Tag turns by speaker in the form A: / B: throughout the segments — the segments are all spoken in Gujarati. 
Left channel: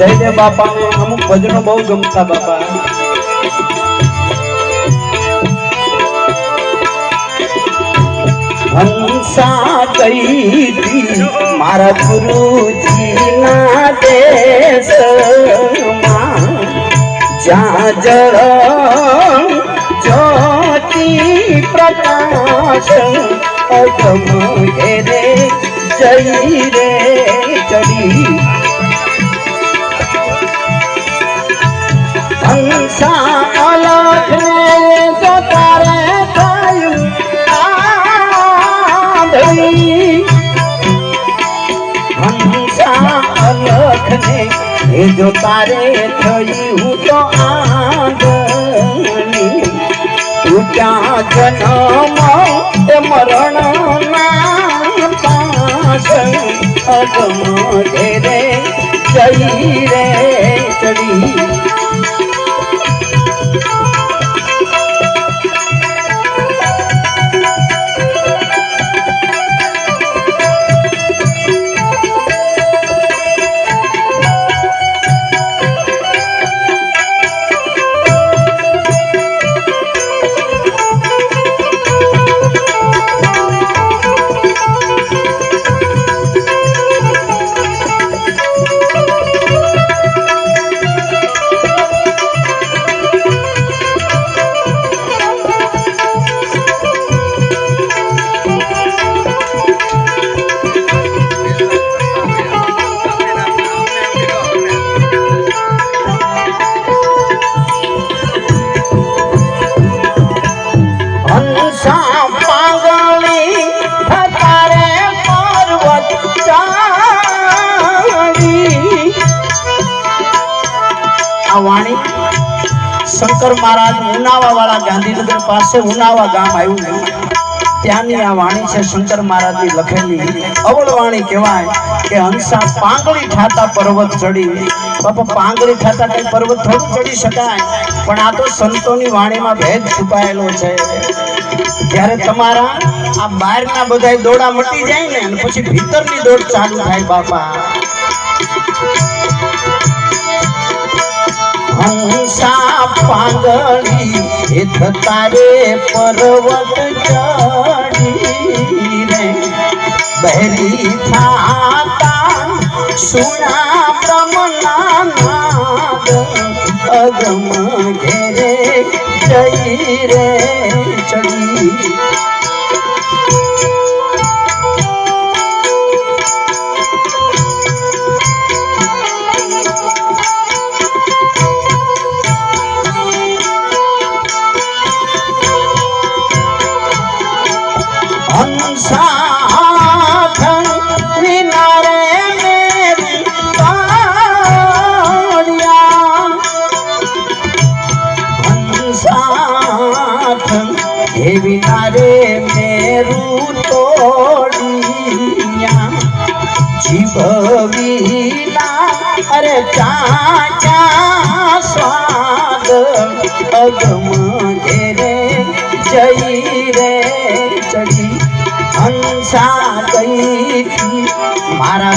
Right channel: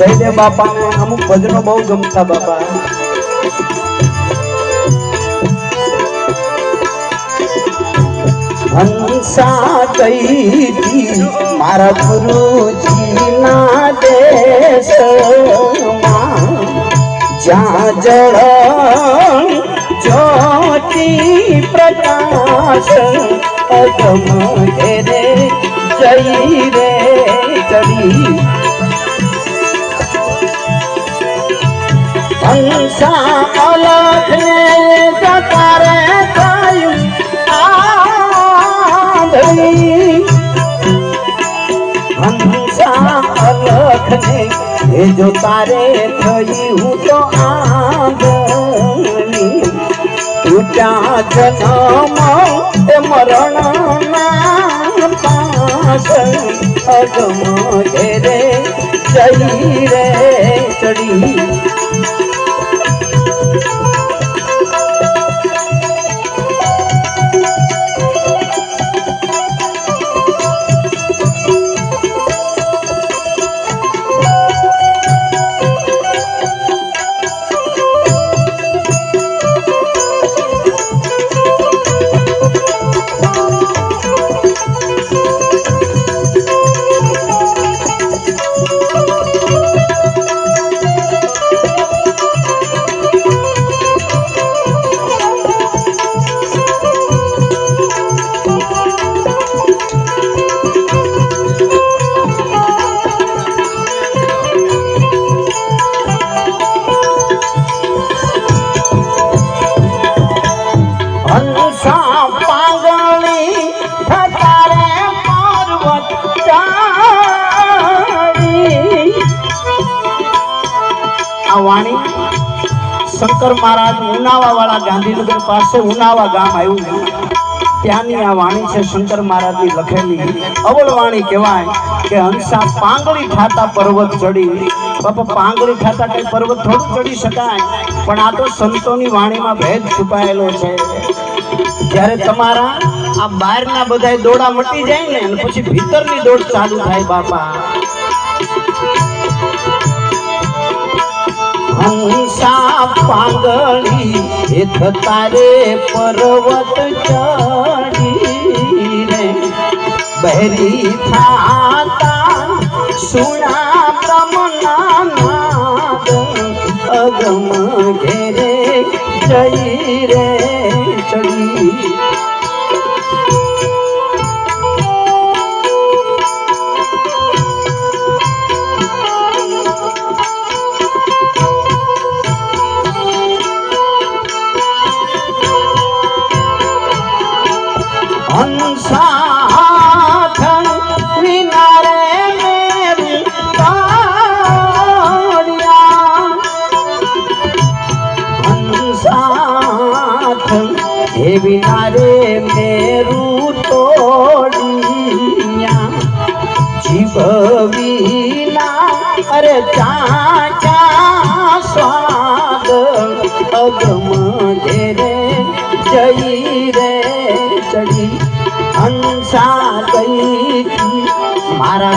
A: જયદેવ બાપાને અમુક ભજનો બહુ ગમતા બાપા. હંસા કઈ મારા ગુરુજી ના દેશમાં જ્યાં જળ જ્યોતિ પ્રકાશ અગમ ઘેરે જઈ એ જો તારે થયું તો આંધળી. તૂટ્યા જન્મ શંકર મહારાજ ઉનાવા વાળા ગાંધીનગર પાસે ઉનાવા ગામ આવ્યું ત્યાંની આ વાણી છે શંકર મહારાજની લખેલી. અવળ વાણી કહેવાય કે હંસા પાંગળી ઠાતા પર્વત ચડી. બાપા, પાંગળી ઠાતા કઈ પર્વત થોડું ચડી શકાય, પણ આ તો સંતોની વાણીમાં ભેદ છુપાયેલો છે. જ્યારે તમારા આ બહારના બધા દોડા મટી જાય ને, અને પછી ભીતરની દોડ ચાલુ થાય બાપા. હંસા પાગળી એ તારે પર્વત ચડી રે. બહેરી થાતા સુણા બ્રહ્મના નાદ અગમ ઘેરે જઈ રે, ચડી. હે વિનારે મેરું તોડિયા જીવ વિના, અરે ચાચા સ્વાદ અગમ ઘેરે જઈ રે ચડી હંસા ગઈ મારા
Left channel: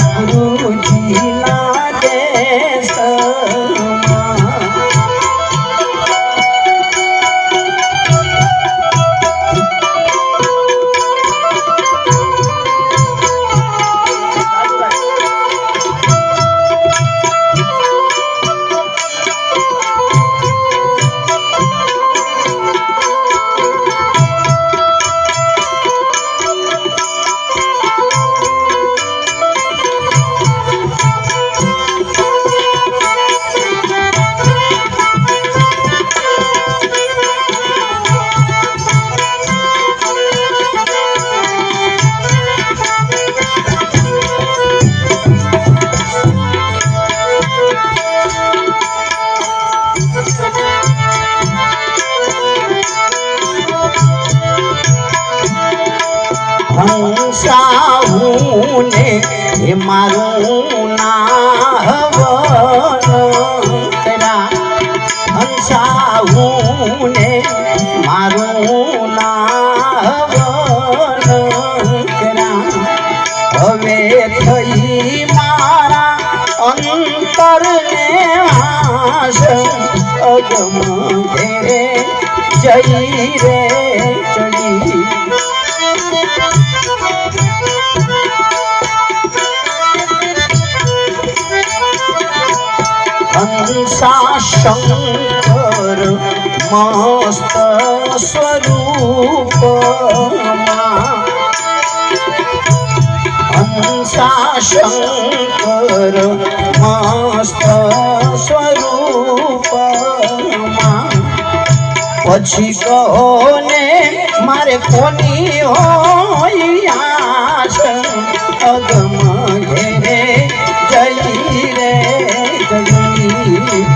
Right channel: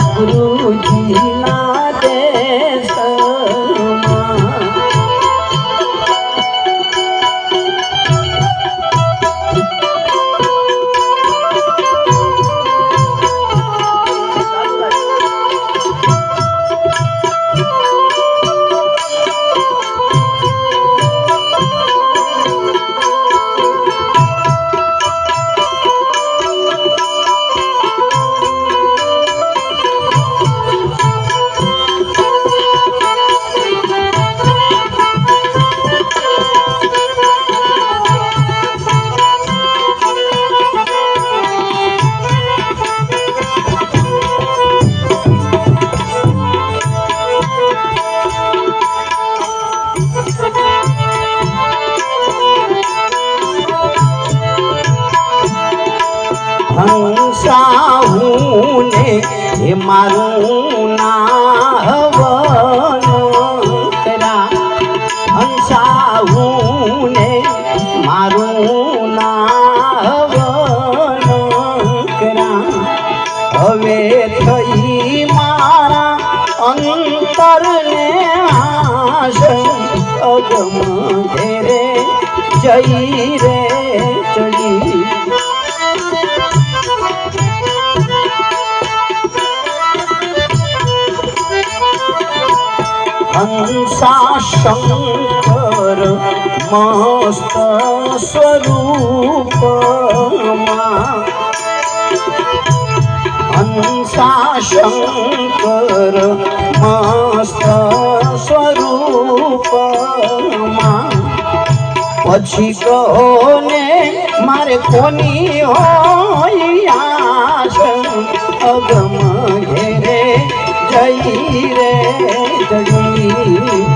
A: હે મારું ના હવન તેરા હંસાવું ને મારું ના હવન તેરા હવે થઈ મારા અંતરને આશ અગમ ઘેરે જઈ રે. હંસા શંકર મસ્ત સ્વરૂપ હંસા શંકર મસ્ત સ્વરૂપ પછી કોને મારે કોની હોય અગમ જય 比